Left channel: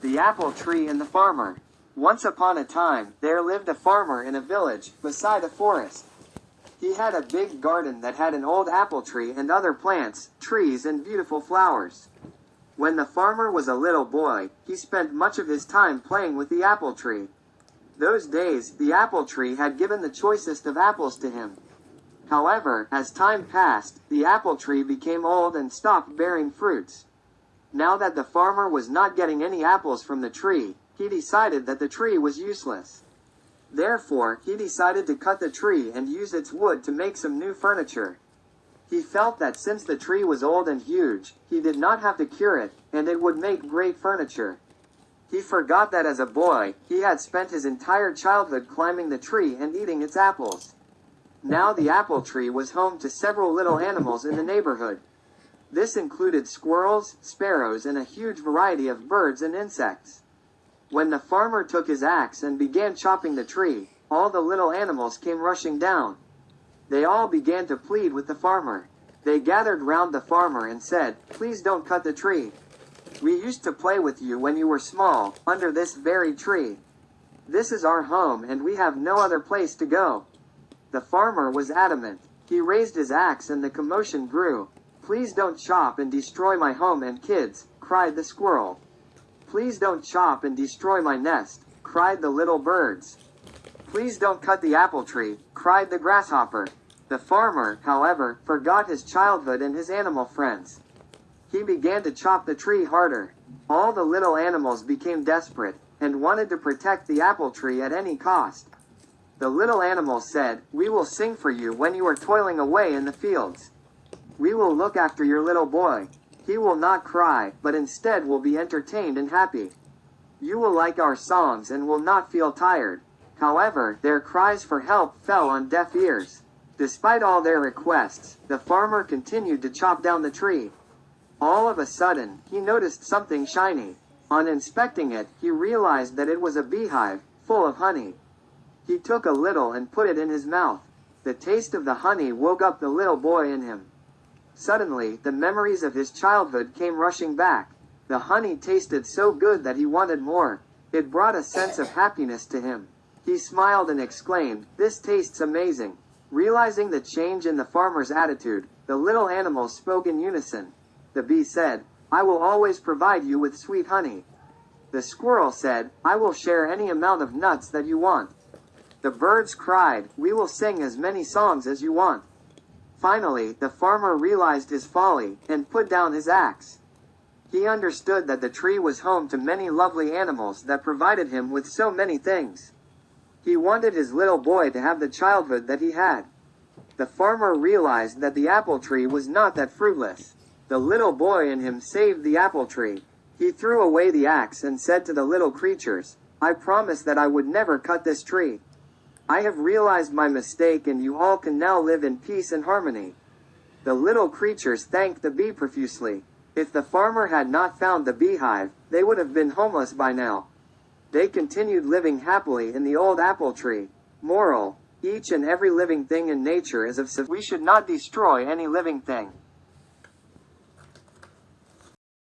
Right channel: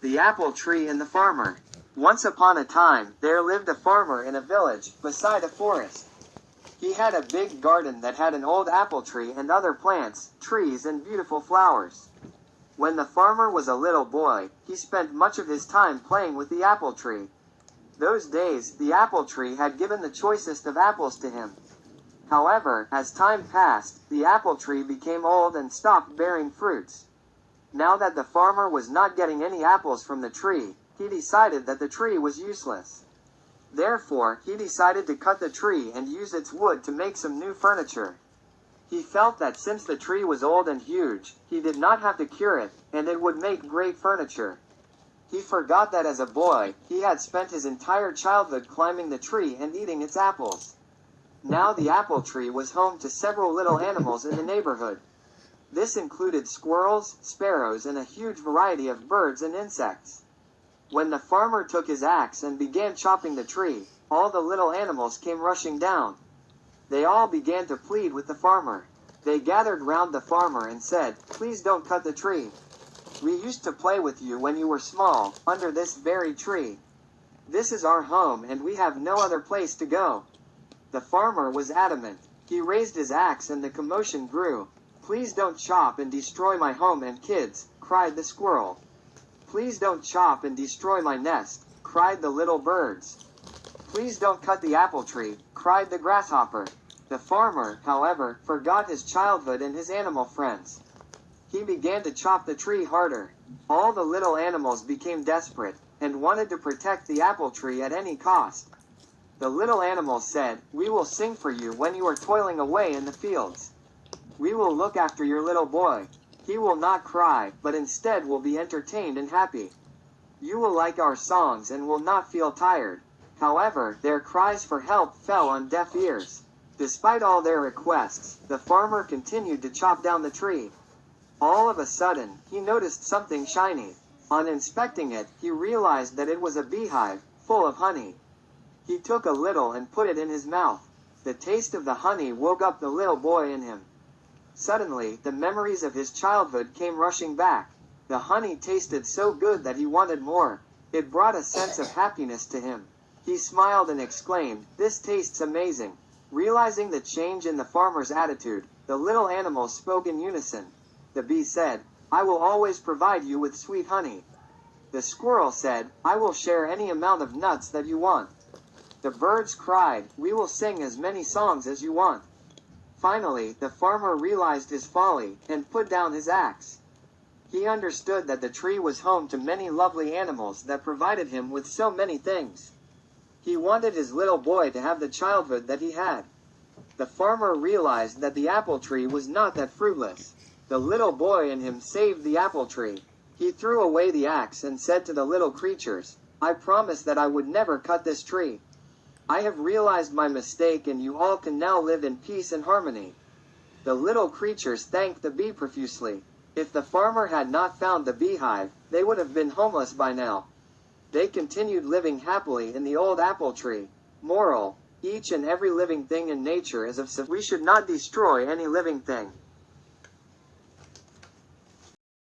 The Apple Tree and the Farmer. Once upon a time, there lived a farmer in a village, beside a forest. He had a big garden that had an old apple tree and other plants, trees and beautiful flowers. When the farmer was a little boy, he spent much of his time playing with the apple tree. Those days, the apple tree had given the choicest of apples to him. However, as time passed, the apple tree became old and stopped bearing fruits. Now that the farmer was not getting any apples from the tree, he decided that the tree was useless. Therefore, he decided to cut the tree and use its wood to make some new furniture. He felt that since the tree was old and huge, he did not have to cure it, and it would make great furniture. He forgot that as a boy, he had spent his entire childhood climbing the tree and eating its apples. Now the apple tree was home to several little animals in the neighborhood. This included squirrels, sparrows, and a huge variety of birds and insects. When the farmer took his axe and began chopping the tree, all the little animals came rushing down. They all began to plead with the farmer. They gathered round the farmer and said, "Please don't cut the tree. We used to play with you when you were small, under this very tree. This is our home and we have no other place to go." The farmer was adamant. He raised his axe and the commotion grew. "Please don't chop and destroy my home and kids," cried the squirrel. "Please don't chop and destroy my nest," cried the little birds. "Please don't cut the apple tree," cried the grasshopper. The farmer, however, forgot his childhood and his animal friends. He began to chop the tree harder. All the little animals became desperate, and wanted to protect the apple tree at any cost. The little animals said, "We will sing for you when you are toiling away in the fields. We will look after your little boy. He will not cry, but instead will be entertained and happy. You will like our songs and will not feel tired." However, their cries for help fell on deaf ears. Despite all their requests, the farmer continued to chop down the tree. All of a sudden, he noticed something shiny. On inspecting it, he realized that it was a beehive, full of honey. He took a little and put it in his mouth. The taste of the honey woke up the little boy in him. Suddenly, the memories of his childhood came rushing back. The honey tasted so good that he wanted more. It brought a sense of happiness to him. He smiled and exclaimed, "This tastes amazing." Realizing the change in the farmer's attitude, the little animals spoke in unison. The bee said, "I will always provide you with sweet honey." The squirrel said, "I will share any amount of nuts that you want." The birds cried, "We will sing as many songs as you want." Finally, the farmer realized his folly, and put down his axe. He understood that the tree was home to many lovely animals that provided him with so many things. He wanted his little boy to have the childhood that he had. The farmer realized that the apple tree was not that fruitless. The little boy in him saved the apple tree. He threw away the axe and said to the little creatures, "I promised that I would never cut this tree. I have realized my mistake and you all can now live in peace and harmony." The little creatures thanked the bee profusely. If the farmer had not found the beehive, they would have been homeless by now. They continued living happily in the old apple tree. Moral: each and every living thing in nature is of we should not destroy any living thing.